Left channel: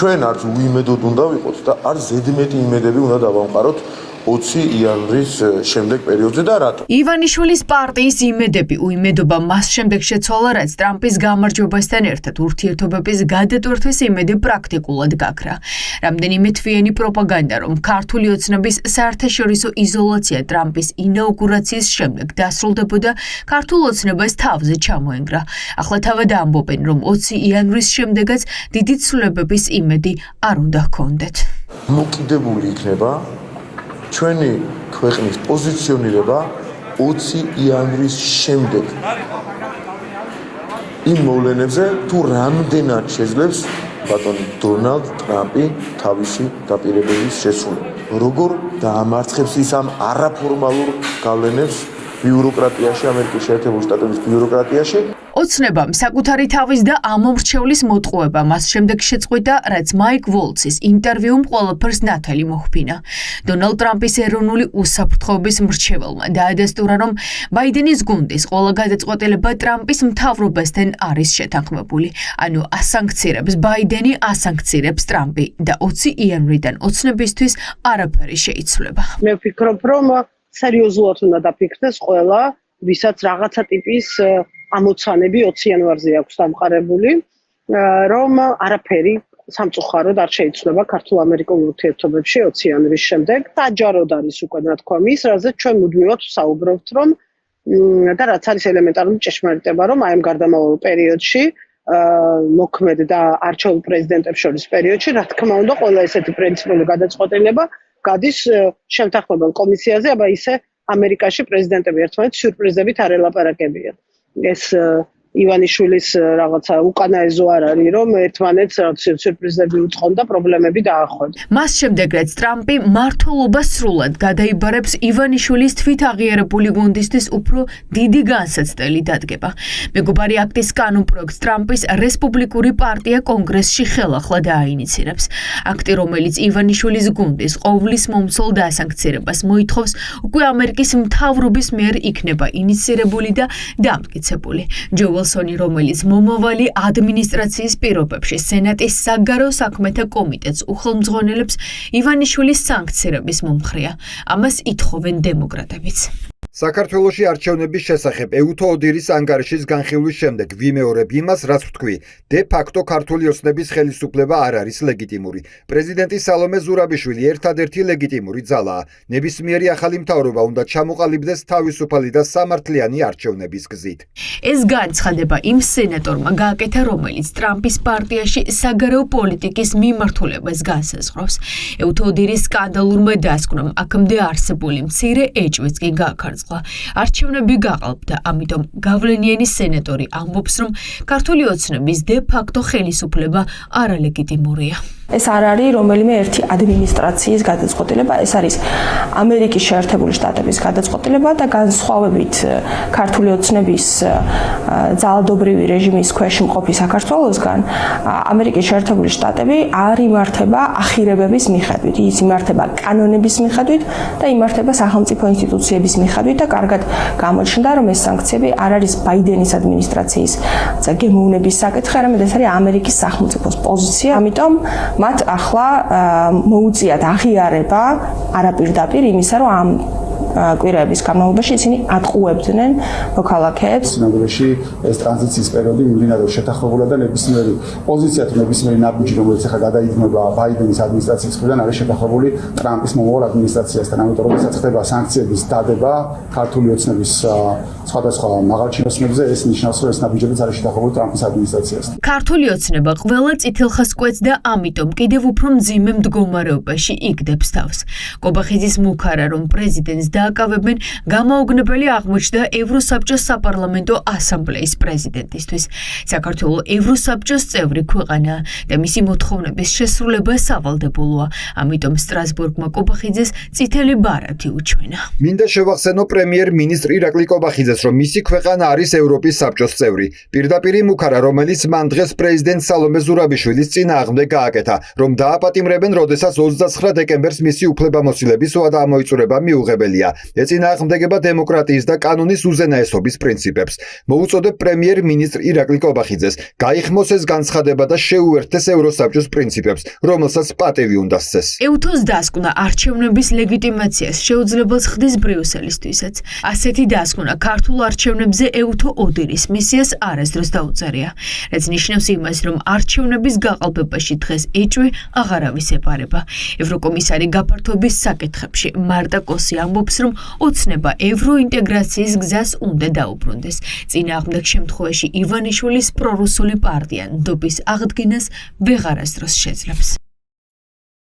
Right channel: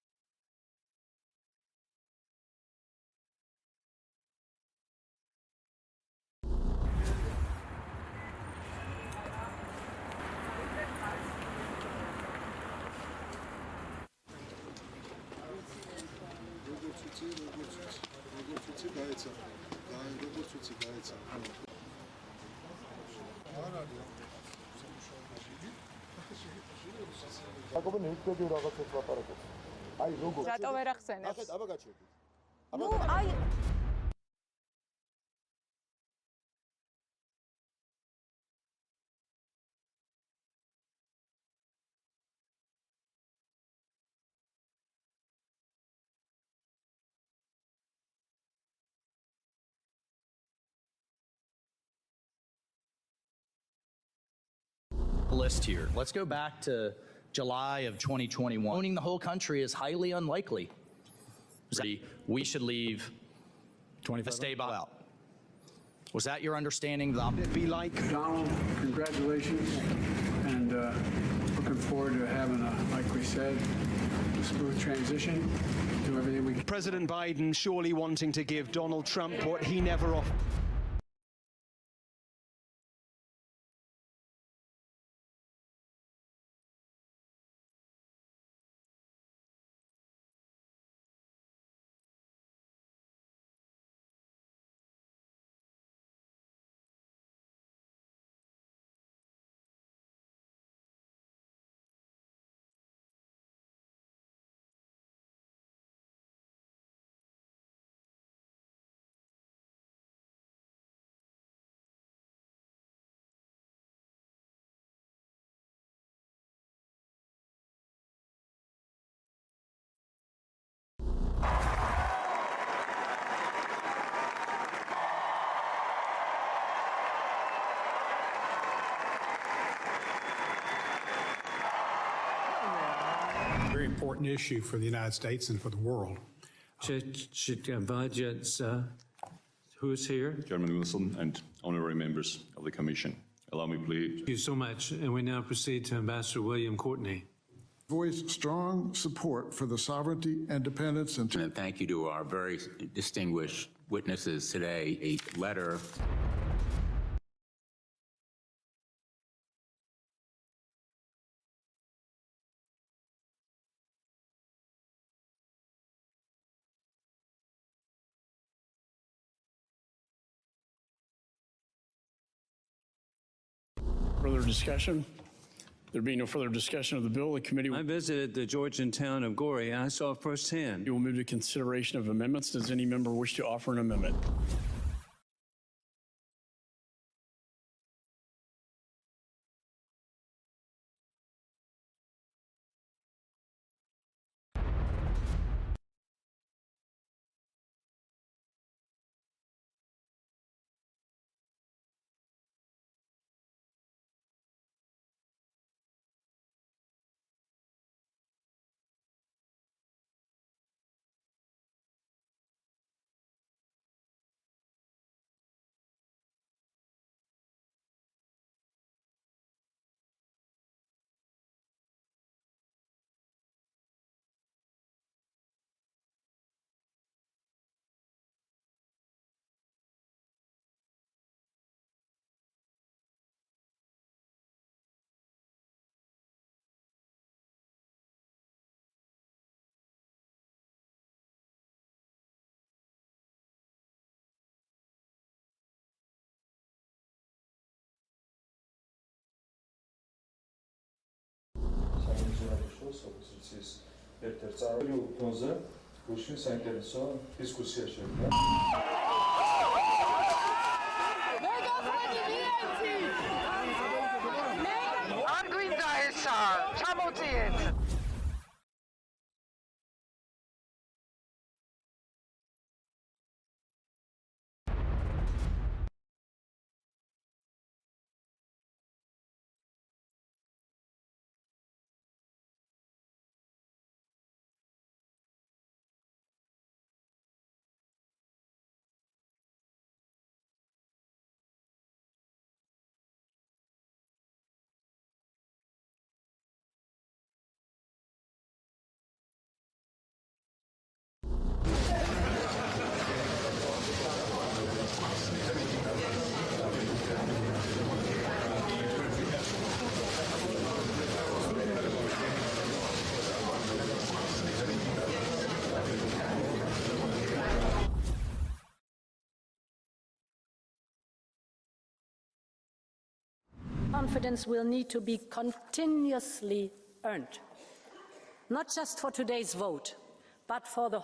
ჩვენ არც უიმედოდ უნდა ვიყოთ და არც ზედმეტი იმედები უნდა დავამყაროთ 20 იანვრის შემდეგ პერიოდზე და რატო? ივანიშვილის პარტიის იმედები, უიმედობა მას შემდეგ შეცვალა, რაც ტრამპის გამარჯვებასთან ერთად ურთიერთობების გადატვირთვის იმედი პრაქტიკულად გაქრა. რამდენიმე თვიანი პროპაგანდა, რომ ქართული ოცნების საერთაშორისო იზოლაცია ტრამპის ინაუგურაციის შემდეგ დასრულდებოდა, ქართულ ოცნებას თავზე ჩამოენგრა. ახლა თავად ამბობენ, რომ 20 იანვრის შემდეგაც დიდი ცვლილებების იმედი არ უნდა ჰქონდეთ. მოკიდებული იქნება ჩვენი ქვეყნის პოზიციონირება 20 იანვრის შემდეგ იმ მოვლენებზე თუ რამდენად შეძლებს ბატონი დონალდ ტრამპი თავისი დაპირებების შესრულება. როგორ დაამარცხებს ის ამ არაფორმალურ გავლენებს ბიუროკრატიაში, ამერიკის შეერთებული შტატების ბიუროკრატიაში. ოცნებამ საკუთარი თავის და ამომრჩევლის მოტყუება მას შემდეგ შეწყვიტა, რაც მაიკ ვოლცის ინტერვიუმ ყველაფერს ნათელი მოჰფინა. დონალდ ტრამპის ეროვნული უსაფრთხოების მრჩეველმა დაადასტურა, რომ ბაიდენის გუნდის ყველა გადაწყვეტილება ტრამპის მთავრობასთან არის შეთანხმებული. ანუ ასანქცირებს ბაიდენი, ასანქცირებს ტრამპი და 20 იანვრიდან ოცნებისთვის არაფერი შეიცვლება. მე ვფიქრობ, რომ სერიოზულად უნდა დაფიქრდეს ყველა, ვისაც რაღაცა ტიპის ამოცანები 20 იანვარზე აქვს დამყარებული, რომ არაფერი სამწუხაროდ არ შეიცვლება ქართულ-ამერიკულ ურთიერთობებში 20 იანვრის შემდეგ. საჯაროდ არის უკვე ნათქვა მის, რაზეც ჩვენ მუდმივად ვსაუბრობთ, რომ და რაც არის ელემენტარული ჭეშმარიტება, რომ აი ამ გარდამავალ პერიოდში მოქმედ და არჩეულ პრეზიდენტებს შორის პერიოდში, რა თქმა უნდა, ყველა ესეთი პრინციპული გადაწყვეტილება გადის შემთანხმებელ კომისიაზე, აბა ისე ამერიკაში პრეზიდენტები ერთმანეთს სიურპრიზებით არ ელაპარაკებიან. ეს ივანიშვილის რაღაცა უკანაეზო არ არის, რომ ერთმანეთს სიურპრიზები უწყონ და პრობლემები დაახვენ. მას შემდეგ, რაც ტრამპი მმართველობას სრულად გადაიბარებს, ივანიშვილის თვითაღიარებული გუნდისთვის უფრო დიდი განსაცდელი დადგება. მეგობარი აქტის კანონპროექტს ტრამპის რესპუბლიკური პარტია კონგრესში ხელახლა დააინიცირებს. აქტი, რომელიც ივანიშვილის გუნდის ყოვლის მომცველ დასანქცირებას მოითხოვს, უკვე ამერიკის მთავრობის მიერ იქნება ინიცირებული და დამტკიცებული. ვილსონი, რომელიც მომავალი ადმინისტრაციის პირობებში სენატის საგარო საქმეთა კომიტეტს უხელმძღვანელებს, ივანიშვილის სანქცირების მომხრეა. ამას ითხოვენ დემოკრატებიც. საქართველოში არჩევნების შესახებ ეუთო ოდირის ანგარიშის განხილვის შემდეგ ვიმეორებ იმას, რაც ვთქვი, დე ფაქტო ქართული ოცნების ხელისუფლება არ არის ლეგიტიმური. პრეზიდენტი სალომე ზურაბიშვილი ერთადერთი ლეგიტიმური ძალაა. ნებისმიერი ახალი მთავრობა უნდა ჩამოყალიბდეს თავისუფალი და სამართლიანი არჩევნების გზით. ეს განცხადება იმ სენატორმა გააკეთა, რომელიც ტრამპის პარტიაში საგარეო პოლიტიკის მიმართულებას განსაზღვრავს. ეუთო ოდირის სკანდალურმა დასკვნამ აქამდე არსებული მცირე ეჭვიც კი გააქარწყლა. არჩევნები გაყალბდა, ამიტომ გავლენიანი სენატორი ამბობს, რომ ქართული ოცნების დე ფაქტო ხელისუფლება არალეგიტიმურია. ეს არ არის რომელიმე ერთი ადმინისტრაციის გადაწყვეტილება, ეს არის ამერიკის შეერთებული შტატების გადაწყვეტილება და განსხვავებით ქართული ოცნების ძალადობრივი რეჟიმის ქვეშ მყოფი საქართველოსგან, ამერიკის შეერთებული შტატები არ იმართება ახირებების მიხედვით, ის იმართება კანონების მიხედვით და იმართება სახელმწიფო ინსტიტუციების მიხედვით და კარგად გამოჩნდა, რომ ეს სანქციები არ არის ბაიდენის ადმინისტრაციის გემოვნების საკითხი, არამედ ეს არის ამერიკის სახელმწიფოს პოზიცია, ამიტომ მათ ახლა მოუწიათ აღიარება არაპირდაპირ იმისა, რომ ამ კვირაების განმავლობაში ისინი ატყუებდნენ მოქალაქეებს. ცნობილში ეს ტრანზიციის პერიოდი მიმდინარეობს შეთანხმებულად და ნებისმიერი პოზიცია თუ ნებისმიერი ნაბიჯი, რომელიც ახლა გადაიქმნება ბაიდენის ადმინისტრაციის მხრიდან, არის შეთანხმებული ტრამპის მომავალ ადმინისტრაციასთან. ამიტომ როდესაც ხდება სანქციების დადება ქართული ოცნების სხვადასხვა მაღალჩინოსნებზე, ეს ნიშნავს, რომ ეს ნაბიჯებიც არის შეთანხმებული ტრამპის ადმინისტრაციასთან. ქართული ოცნება ყველა წითელხას კვეთს და ამიტომ კიდევ უფრო მძიმე მდგომარეობაში იგდებს თავს. კობახიძის მუქარა, რომ პრეზიდენტს დააკავებენ, გამაოგნებელი აღმოჩნდა ევროსაბჭოს საპარლამენტო ასამბლეის პრეზიდენტისთვის. საქართველოს ევროსაბჭოს წევრი ქვეყანაა და მისი მოთხოვნების შესრულება სავალდებულოა. ამიტომ სტრასბურგმა კობახიძეს წითელი ბარათი უჩვენა. მინდა შევახსენო პრემიერ-მინისტრ ირაკლი კობახიძეს, რომ მისი ქვეყანა არის ევროპის საბჭოს წევრი. პირდაპირ მუქარა, რომელიც მან დღეს პრეზიდენტ სალომე ზურაბიშვილის წინააღმდეგ გააკეთა, რომ დააპატიმრებენ, როდესაც 29 დეკემბერს მისი უფლებამოსილების ვადა ამოიწურება მიუღებელია. მიღწევია. ეწინააღმდეგება დემოკრატიის და კანონის უზენაესობის პრინციპებს. მოუწოდებ პრემიერ-მინისტრ ირაკლი კობახიძეს გაიხმოს ეს განცხადება და შეუერთდეს ევროსაბჭოს პრინციპებს, რომელსაც პატივი უნდა სცეს. EUTO-ს დასკვნა არჩევნების ლეგიტიმაციას შეუძლებელს ხდის ბრიუსელისთვისაც. ასეთი დასკვნა ქართულ არჩევნებზე EUTO ODIHR-ის მისიას არასდროს დაუწერია, რაც ნიშნავს იმას, რომ არჩევნების გაყალბებაში დღეს ეჭვი აღარავის ეპარება. ევროკომისარი გაფართოების საკითხებში მარტა კოსი ამბობს, რომ ოცნება ევროინტეგრაციის გზას უნდა დაუბრუნდეს. წინააღმდეგ შემთხვევაში ივანიშვილის პრორუსული პარტია ნდობის აღდგენას ვეღარასდროს შეძლებს.